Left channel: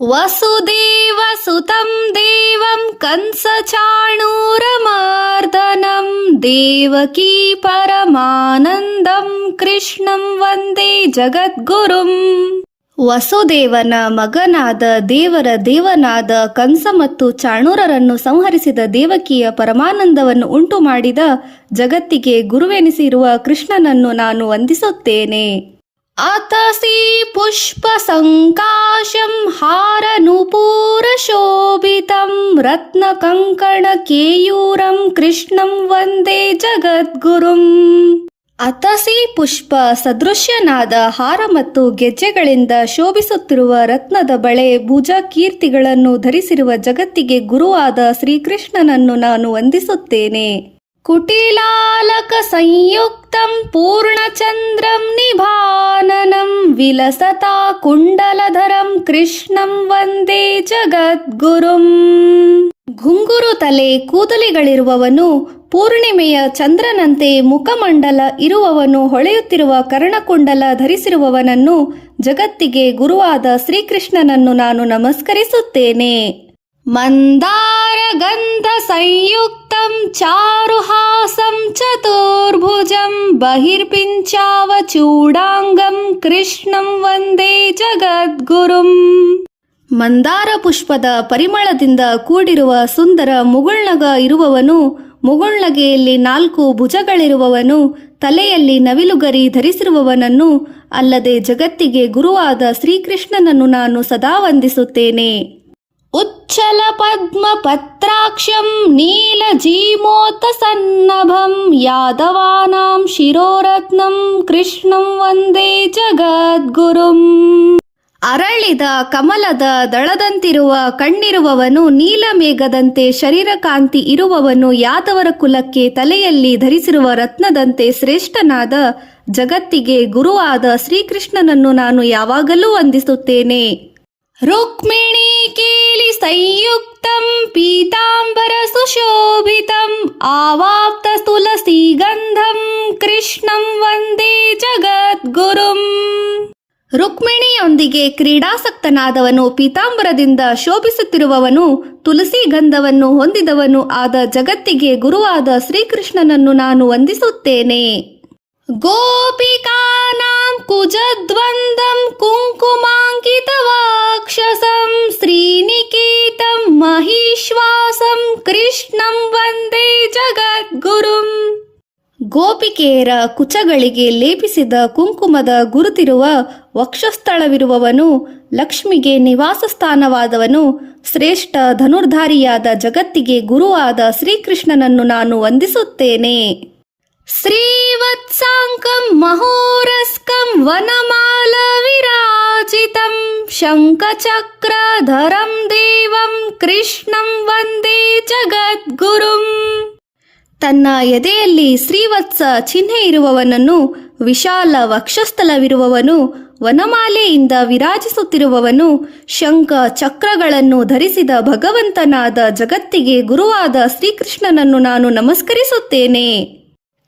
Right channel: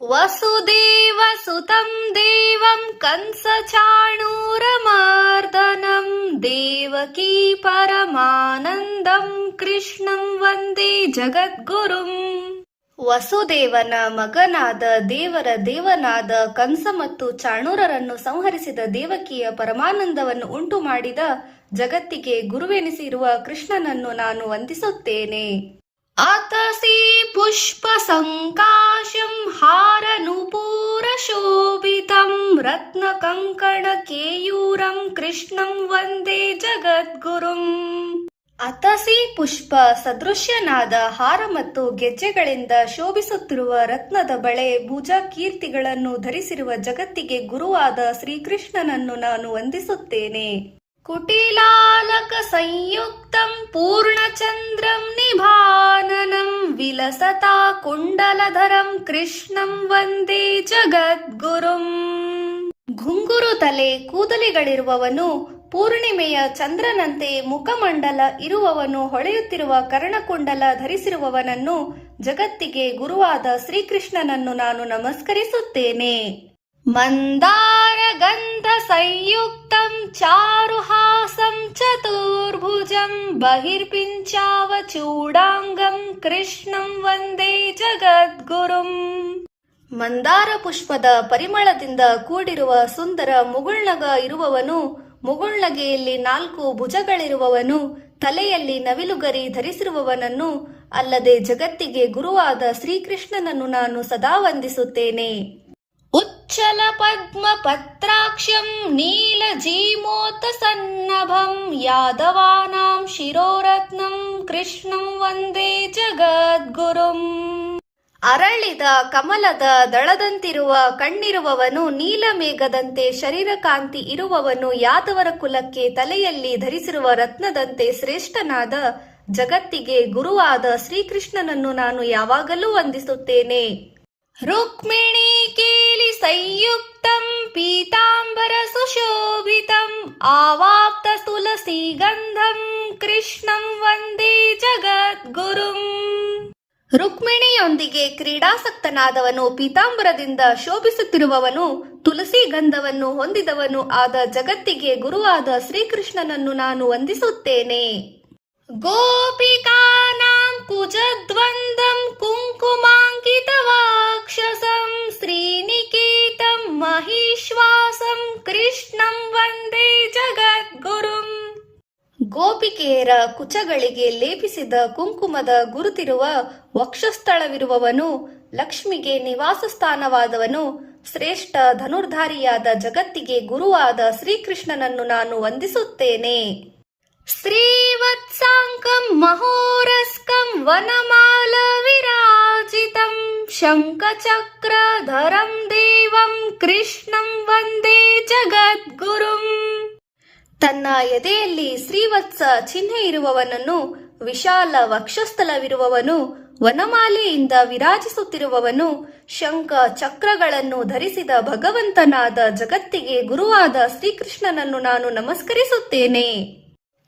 ವಸುದೇವಸುತಂ ದೇವಂ ಕಂಸಚಾಣೂರಮರ್ದನಂ ದೇವಕೀ ಪರಮಾನಂದಂ ಕೃಷ್ಣಂ ವಂದೇ ಜಗದ್ಗುರುಂ. ವಸುದೇವನ ಮಗನಾದ ದೇವರ ದೇವನಾದ ಕಂಸ ಮತ್ತು ಚಾಣೂರರನ್ನು ಸಂಹರಿಸಿದ ದೇವಕಿಯ ಪರಮಾನಂದವನ್ನು ಉಂಟು ಮಾಡಿದ ಜಗತ್ತಿಗೆ ಗುರುವೆನಿಸಿರುವ ಕೃಷ್ಣನನ್ನು ನಾನು ವಂದಿಸುತ್ತೇನೆ. ಅತಸಿ ಪುಷ್ಪ ಸಂಕಾಶಂ ಹಾರನೂಪೂರ ಶೋಭಿತಂ ರತ್ನ ಕಂಕಣ ಕೇಯೂರಂ ಕೃಷ್ಣಂ ವಂದೇ ಜಗದ್ಗುರುಂ. ಅತಸಿ ಪುಷ್ಪ ಸದೃಶ್ಯನಾದ ಹಾರ ಮತ್ತು ಗೆಜ್ಜೆಗಳಿಂದ ಶೋಭಿಸುತ್ತಿರುವ ರತ್ನದ ಬಳೆ ಭುಜ ಕೀರ್ತಿಗಳನ್ನು ಧರಿಸಿರುವ ಜಗತ್ತಿಗೆ ಗುರುವಾದ ಶ್ರೀಕೃಷ್ಣನನ್ನು ನಾನು ವಂದಿಸುತ್ತೇನೆ. ಕುಟಿಲಾಲಕ ಸಂಯುಕ್ತಂ ಪೂರ್ಣಚಂದ್ರಂ ನಿಭಾನನಂ ವಿಲಸತಾ ಕುಂಡಲಧರಂ ಕೃಷ್ಣಂ ವಂದೇ ಜಗದ್ಗುರುಂ. ಘುಂಗುರು ತಲೆ ಕೂದಲಿಗಳಿರುವವನು, ಪೂರ್ಣಿಮೆಯ ಚಂದ್ರನಂತೆ ಮುಖಮಂಡಲ ಇರುವವನು, ಹೊಳೆಯುತ್ತಿರುವ ಕರ್ಣಕುಂಡಲ ಧರಿಸಿರುವವನನ್ನು, ಜಗತ್ತಿಗೆ ಗುರುವಾದ ಶ್ರೀಕೃಷ್ಣನನ್ನು ನಾನು ನಮಸ್ಕರಿಸುತ್ತೇನೆ. ಮಂದಾರ ಗಂಧ ಸಂಯುಕ್ತಂ ಚಾರುಹಾಸಂ ಚತುರ್ಭುಜಂ ಬಹಿರ್ಪಿಂಚಾವ ಚೂಡಾಂಗಂ ಕೃಷ್ಣಂ ವಂದೇ ಜಗದ್ಗುರುಂ. ಮಂದಾರ ಪುಷ್ಪದ ಪರಿಮಳದಿಂದ ಕೂಡಿರುವ ಸುಂದರ ಮುಗುಳ್ನಗ ಇರುವವನು, ಮುಗುಳ್ನಗೆಯಲ್ಲಿ 4 ಭುಜಗಳಿರುವವನು, ತಲೆಯಲ್ಲಿ ನವಿಲುಗರಿ ಧರಿಸಿರುವವನನ್ನು ಅಲ್ಲದೆ ಜಗತ್ತಿಗೆ ಗುರುವಾದ ಶ್ರೀಕೃಷ್ಣನನ್ನು ನಾನು ಸದಾ ವಂದಿಸುತ್ತೇನೆ. ಉಚ್ಚಲ ಪದ್ಮ ಪತ್ರಾಕ್ಷಂ ನೀಲಜೀಮೋತ ಸನ್ನಭಂ ಯಾದವಾನಾಂ ಶಿರೋರತ್ನಂ ಕೃಷ್ಣಂ ವಂದೇ ಜಗದ್ಗುರುಂ. ಅರಳಿದ ಕಮಲದ ದಳದಂತಿರುವ ಕಣ್ಣಿರುವವನು, ನೀಲಮೇಘದಂತೆ ಶರೀರಕಾಂತಿ ಇರುವವನು, ಯಾದವರ ಕುಲಕ್ಕೆ ತಲೆಯಲ್ಲಿ ಧರಿಸಿರುವ ರತ್ನದಂತೆ ಶ್ರೇಷ್ಠನಾದ ಜಗತ್ತಿಗೆ ಗುರುವಾದ ಶ್ರೀಕೃಷ್ಣನನ್ನು ನಾನು ಯಾವಾಗಲೂ ವಂದಿಸುತ್ತೇನೆ. ರುಕ್ಮಿಣಿ ಕೇಲಿ ಸಂಯುಕ್ತಂ ಪೀತಾಂಬರ ಸುಶೋಭಿತಂ ಆವಾಪ್ತ ತುಳಸಿ ಗಂಧಂ ಕೃಷ್ಣಂ ವಂದೇ ಜಗದ್ಗುರುಂ. ರುಕ್ಮಿಣಿಯೊಂದಿಗೆ ಕ್ರೀಡಾಸಕ್ತನಾದವನು, ಪೀತಾಂಬರದಿಂದ ಶೋಭಿಸುತ್ತಿರುವವನು, ತುಳಸಿ ಗಂಧವನ್ನು ಹೊಂದಿದವನು ಆದ ಜಗತ್ತಿಗೆ ಗುರುವಾದ ಶ್ರೀಕೃಷ್ಣನನ್ನು ನಾನು ವಂದಿಸುತ್ತೇನೆ. ಗೋಪಿಕಾನಾಂ ಕುಜದ್ವಂದಂ ಕುಂಕುಮಾಂಕಿತ ವಾಕ್ಷಸಂ ಶ್ರೀನಿಕೇತಂ ಮಹಿಶ್ವಾಸಂ ಕೃಷ್ಣಂ ವಂದೇ ಜಗದ್ಗುರುಂ. ಗೋಪಿಕೆಯರ ಕುಚಗಳಿಗೆ ಲೇಪಿಸಿದ ಕುಂಕುಮದ ಗುರುತಿರುವ ವಕ್ಷಸ್ಥಳವಿರುವವನು, ಲಕ್ಷ್ಮಿಗೆ ನಿವಾಸ ಸ್ಥಾನವಾದವನು, ಶ್ರೇಷ್ಠ ಧನುರ್ಧಾರಿಯಾದ ಜಗತ್ತಿಗೆ ಗುರುವಾದ ಶ್ರೀಕೃಷ್ಣನನ್ನು ನಾನು ವಂದಿಸುತ್ತೇನೆ. ಶ್ರೀವತ್ಸಾಂಕಂ ಮಹೋರಸ್ಕಂ ವನಮಾಲ ವಿರಾಜಿತಂ ಶಂಖಚಕ್ರಧರಂ ದೇವಂ ಕೃಷ್ಣಂ ವಂದೇ ಜಗದ್ಗುರುಂ. ತನ್ನ ಎದೆಯಲ್ಲಿ ಶ್ರೀವತ್ಸ ಚಿಹ್ನೆ ಇರುವವನನ್ನು, ವಿಶಾಲ ವಕ್ಷಸ್ಥಲವಿರುವವನು, ವನಮಾಲೆಯಿಂದ ವಿರಾಜಿಸುತ್ತಿರುವವನು, ಶಂಖ ಚಕ್ರಗಳನ್ನು ಧರಿಸಿದ ಭಗವಂತನಾದ ಜಗತ್ತಿಗೆ ಗುರುವಾದ ಶ್ರೀಕೃಷ್ಣನನ್ನು ನಾನು ನಮಸ್ಕರಿಸುತ್ತೇನೆ.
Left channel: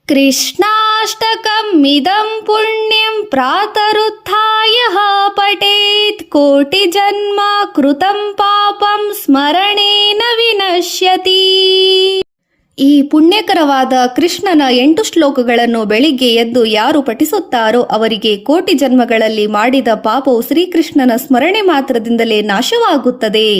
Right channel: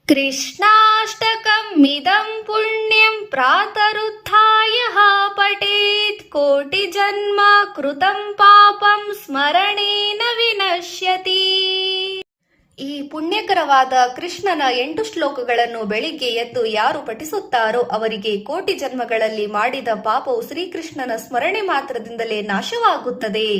ಕೃಷ್ಣಾಷ್ಟಕಂ ಮಿದಂ ಪುಣ್ಯಂ ಪ್ರಾತರುತ್ಥಾಯ ಪಠೇತ್ ಕೋಟಿ ಜನ್ಮ ಕೃತಂ ಪಾಪಂ ಸ್ಮರಣೇನ ವಿನಶ್ಯತಿ. ಈ ಪುಣ್ಯಕರವಾದ ಕೃಷ್ಣನ 8 ಶ್ಲೋಕಗಳನ್ನು ಬೆಳಿಗ್ಗೆ ಎದ್ದು ಯಾರು ಪಠಿಸುತ್ತಾರೋ ಅವರಿಗೆ ಕೋಟಿ ಜನ್ಮಗಳಲ್ಲಿ ಮಾಡಿದ ಪಾಪವು ಶ್ರೀಕೃಷ್ಣನ ಸ್ಮರಣೆ ಮಾತ್ರದಿಂದಲೇ ನಾಶವಾಗುತ್ತದೆ.